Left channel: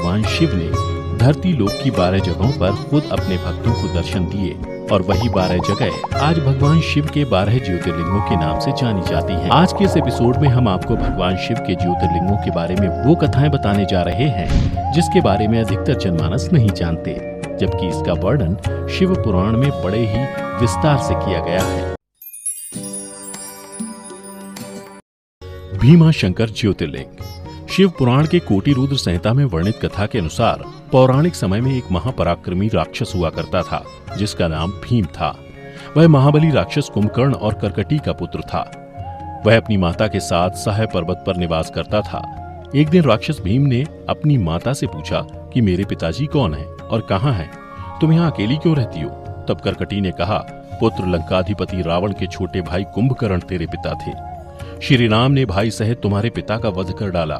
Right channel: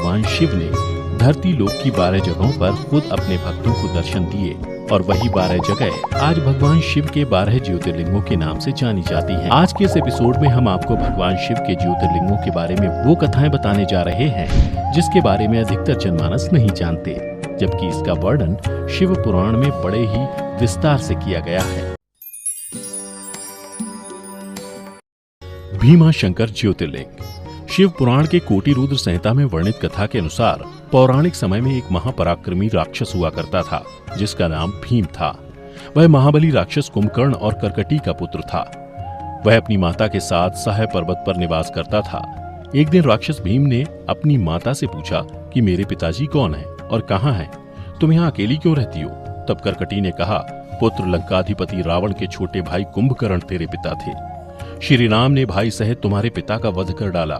भगवान शिव ने धरती लोक की 12 जगहों पर खुद अपने भक्तों को दर्शन दिए और वही 12 जगह आज भगवान शिव के 12 ज्योतिर्लिंगों के नाम से जानी जाती हैं। आज के इस एपिसोड में हम आपको भगवान शिव के ज्योतिर्लिंगों के बारे में वो कथाएं बताने जा रहे हैं जिसके बारे में अधिकतर जनमानस नहीं जानते, जबकि इसका वर्णन शिव पुराण में बड़े ही विस्तार से किया गया है। भीमाशंकर ज्योतिर्लिंग। शिव पुराण के कोटि रुद्र संहिता में वर्णित कथा के अनुसार पौराणिक समय में एक महापराक्रमी राक्षस हुआ करता था जिसका नाम भीम था। वह महाबली राक्षस कुंभकर्ण और कर्कटी का पुत्र था। वह अपनी माता के साथ सहाय पर्वत पर निवास करता था। एक दिन राक्षस भीम ने अपनी माता से पूछा कि मेरे पिताजी कौन हैं और कहाँ हैं? तुम यहाँ अकेली क्यों रहती हो? तब कर्कटी ने कहा, पुत्र लंकाधिपति रावण के छोटे भाई कुंभकर्ण तेरे पिता थे। श्री राम ने भाई सहित तुम्हारे पिता का वध कर डाला।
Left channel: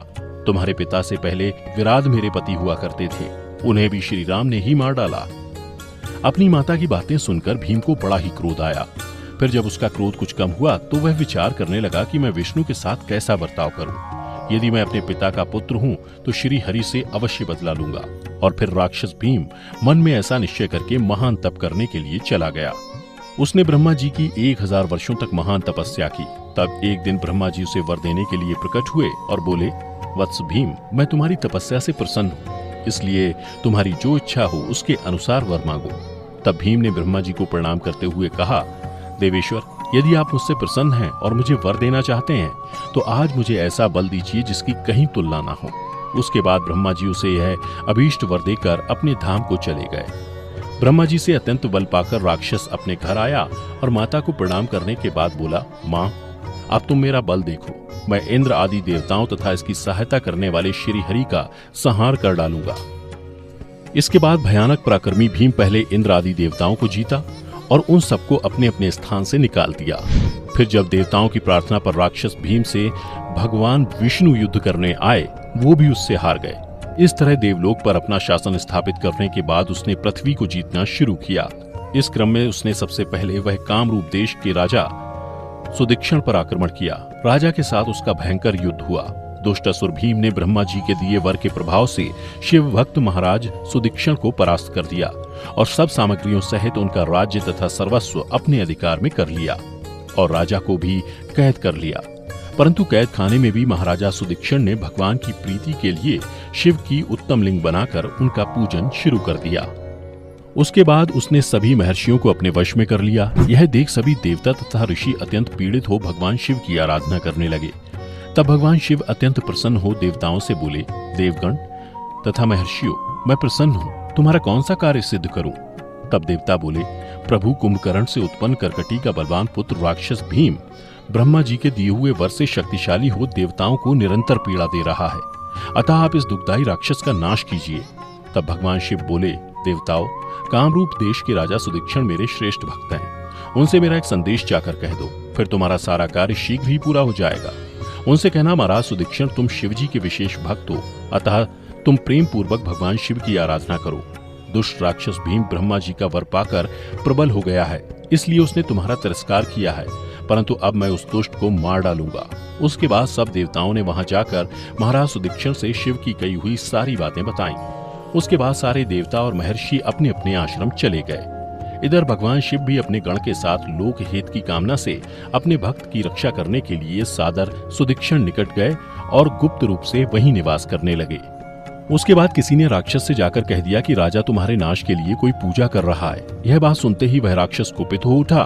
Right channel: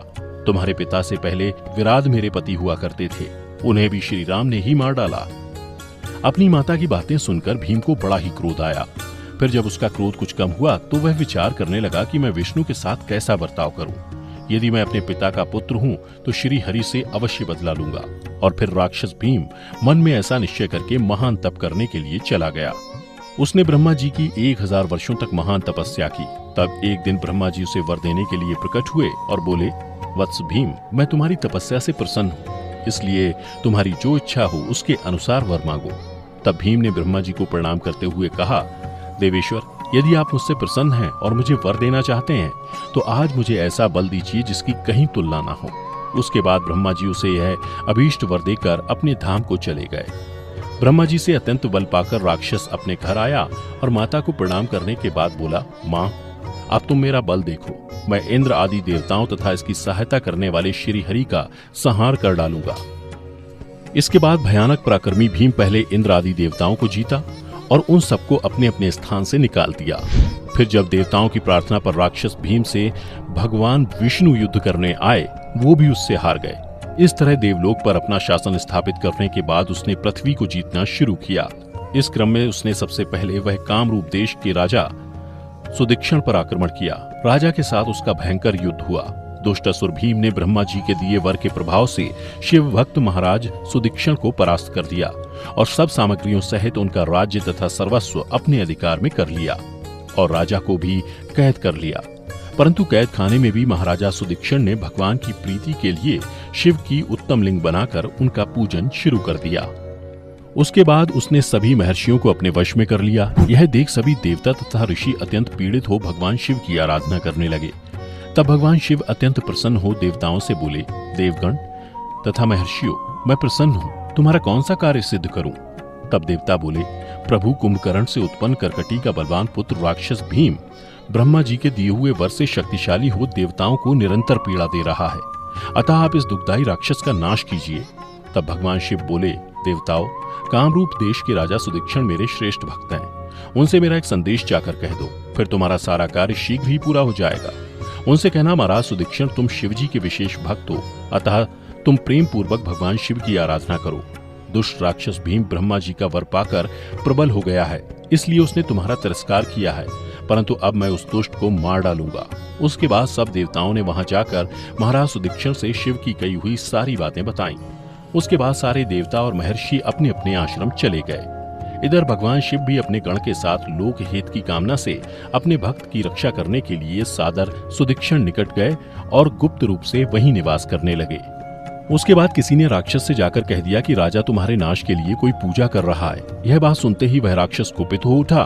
तुम्हारे पिता से पहले विराट मेरे पति हुआ करते थे, उन्हें भी श्री राम ने ही मार डाला। अपनी माता की बातें सुनकर भीम को बड़ा ही क्रोध आया। फिर जब उसका क्रोध कुछ कम हुआ तो वह विचार करने लगा कि मैं विष्णु के साथ कैसा बर्ताव करूं। यदि मैं अपने पिता का पुत्र हूं तो श्री हरि से अवश्य बदला लूंगा। और फिर राक्षस भीम मन में ऐसा निश्चय करके महान तप करने के लिए चला गया। उसने ब्रह्मा जी की 1000 वर्षों तक महान तपस्या की। तब एक दिन ब्रह्मा जी उसे वर देने के लिए प्रकट हुए और बोले, वत्स भीम, मैं तुम्हारी तपस्या से प्रसन्न हूँ, इसलिए तुम्हारी जो इच्छा हो उसके अनुसार वर मांगो। तब भीम ने ब्रह्मा जी को प्रणाम करते हुए कहा, देवेश्वर, यदि आप मुझसे प्रसन्न हैं और मुझे वर देना चाहते हैं तो आज मुझे ऐसा बल दीजिए जिसकी कहीं तुलना न हो। उसके बाद ब्रह्मा जी उसे यह अभीष्ट वर देकर अपने धाम को चले गए। ब्रह्मा जी से अत्यंत बल पाकर राक्षस अपने घर आया और माता को प्रणाम करने के बाद बोला, माँ, अब तुम मेरा बल देखो। मैं इंद्र आदि देवताओं तथा इसकी सहायता करने वाले श्री हरि का संहार कर डालूंगा। इसके बाद भयानक पराक्रमी भीम पहले इंद्र आदि देवताओं को जीता और उन सबको अपने अपने स्थान से निकाल दिया। फिर जब देवताओं की प्रार्थना पर राक्षस भीम से भगवान विष्णु युद्ध करने आए, वो भी उससे हार गए। इस तरह देवलोक पर अपना शासन स्थापित करने के बाद उसने पृथ्वी को जीतना शुरू किया। इस क्रम में उसने सबसे पहले वह कामरूप देश के राजा सुदीक्षण पर आक्रमण किया। राजा के साथ उसका भयंकर युद्ध हुआ। दुष्ट असुर भीम ने ब्रह्मा जी के दिए वर के प्रभाव से शिव भक्त महाराज सुदीक्षण को परास्त कर दिया और सब सामग्रियों सहित उनका राज्य तथा सर्वस्व अपने अधिकार में कर लिया और राजा को भी कैद कर लिया। परंतु कैद खाने में भी महाराजा सुदीक्षण ने भगवान की प्रीति के लिए शिव की उत्तम लिंग बनाकर उनका पूजन शुरू कर दिया। उसके बाद उसने सभी महर्षियों को अपने वश में कर लिया। यह देख सभी देवता तथा ऋषि अत्यंत पीड़ित हो भगवान शिव की आराधना करने लगे। तब भगवान शिव अत्यंत प्रसन्न हो देवताओं से बोले, देवगण तथा महर्षियों, मैं प्रसन्न हूँ, तुम्हारा कौन सा कार्य सिद्ध करूं? तब देवता बोले, प्रभु कुंभकर्ण से उत्पन्न कर्कटी का बलवान पुत्र राक्षस भीम ब्रह्मा जी के दिए हुए वर से शक्तिशाली हो देवताओं को निरंतर पीड़ा दे रहा है, अतः आप इस दुखदायी राक्षस का नाश कीजिए। तब भगवान शिव बोले, देवताओं, कामरूप देश के राजा सुदीक्षण मेरे श्रेष्ठ भक्त हैं, उनसे मेरा एक संदेश जाकर कह दो, फिर तुम्हारा सारा कार्य शीघ्र ही पूरा हो जाएगा। उनसे कहना, महाराज सुदीक्षण, तुम शिव जी के विशेष भक्त हो, अतः तुम प्रेम पूर्वक भगवान शिव की आराधना करो। दुष्ट राक्षस भीम ब्रह्मा जी का वर पाकर प्रबल हो गया है, इसलिए उसने तुम्हारा तिरस्कार किया है, परंतु अब मैं उस दुष्ट को मार डालूंगा। उसके बाद सब देवताओं ने वहां जाकर महाराज सुदीक्षण से शिव की कही हुई सारी बातें बताईं। उसके बाद सारे देवता और महर्षि अपने अपने आश्रम चले गए। इधर भगवान शिव भी अपने गण के साथ लोक हित की कामना से अपने भक्त की रक्षा करने के लिए सादर सुदीक्षण निकट गए और गुप्त रूप से वहीं निवास करने लगे। उसके बाद किसी ने राक्षस से जाकर कह दिया कि राजा तुम्हारे नाश के लिए कोई पूजा कर रहा है। यह बात सुनते ही वह राक्षस कुपित हो उठा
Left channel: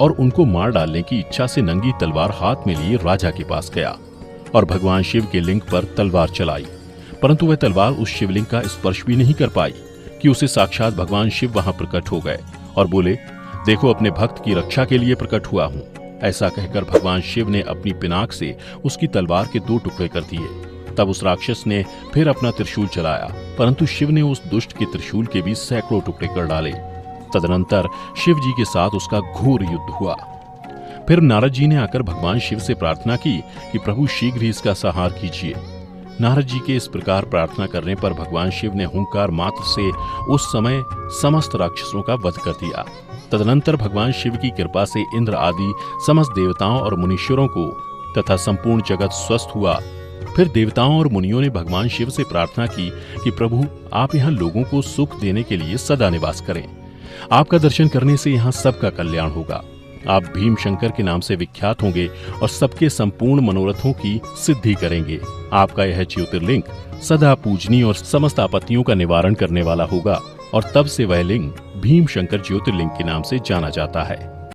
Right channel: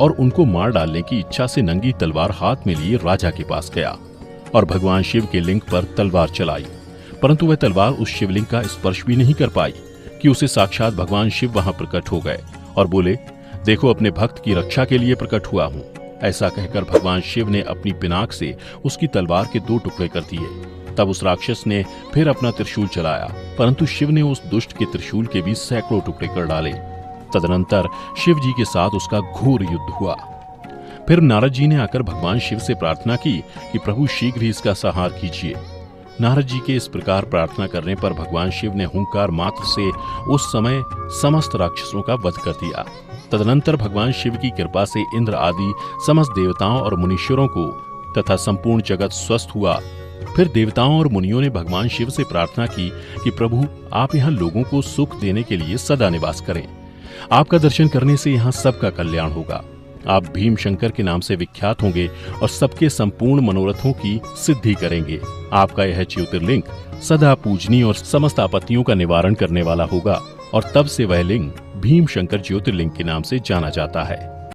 और उनको मार डालने की इच्छा से नंगी तलवार हाथ में लिए राजा के पास गया और भगवान शिव के लिंग पर तलवार चलाई, परंतु वह तलवार उस शिवलिंग का स्पर्श भी नहीं कर पाई कि उसे साक्षात भगवान शिव वहां प्रकट हो गए और बोले, देखो, अपने भक्त की रक्षा के लिए प्रकट हुआ हूँ। ऐसा कहकर भगवान शिव ने अपनी पिनाक से उसकी तलवार के 2 टुकड़े कर दिए। तब उस राक्षस ने फिर अपना त्रिशूल चलाया, परंतु शिव ने उस दुष्ट के त्रिशूल के भी सैकड़ों टुकड़े कर डाले। तदनंतर शिव जी के साथ उसका घोर युद्ध हुआ। फिर नारद जी ने आकर भगवान शिव से प्रार्थना की कि प्रभु शीघ्र ही इसका संहार कीजिए। नारद जी के इस प्रकार प्रार्थना करने पर भगवान शिव ने हुंकार मात्र से उस समय समस्त राक्षसों का वध कर दिया। तदनंतर भगवान शिव की कृपा से इंद्र आदि समस्त देवताओं और मुनीश्वरों को तथा संपूर्ण जगत स्वस्थ हुआ। फिर देवताओं और मुनियों ने भगवान शिव से प्रार्थना की कि प्रभु आप यहाँ लोगों को सुख देने के लिए सदा निवास करें। आपका दर्शन करने से यहाँ सबका कल्याण होगा। आप भीम शंकर के नाम से विख्यात होंगे और सबके संपूर्ण मनोरथों की सिद्धि करेंगे। आपका यह ज्योतिर्लिंग सदा पूजनीय और समस्त आपत्तियों का निवारण करने वाला होगा और तब से वह लिंग भीम शंकर ज्योतिर्लिंग के नाम से जाना जाता है।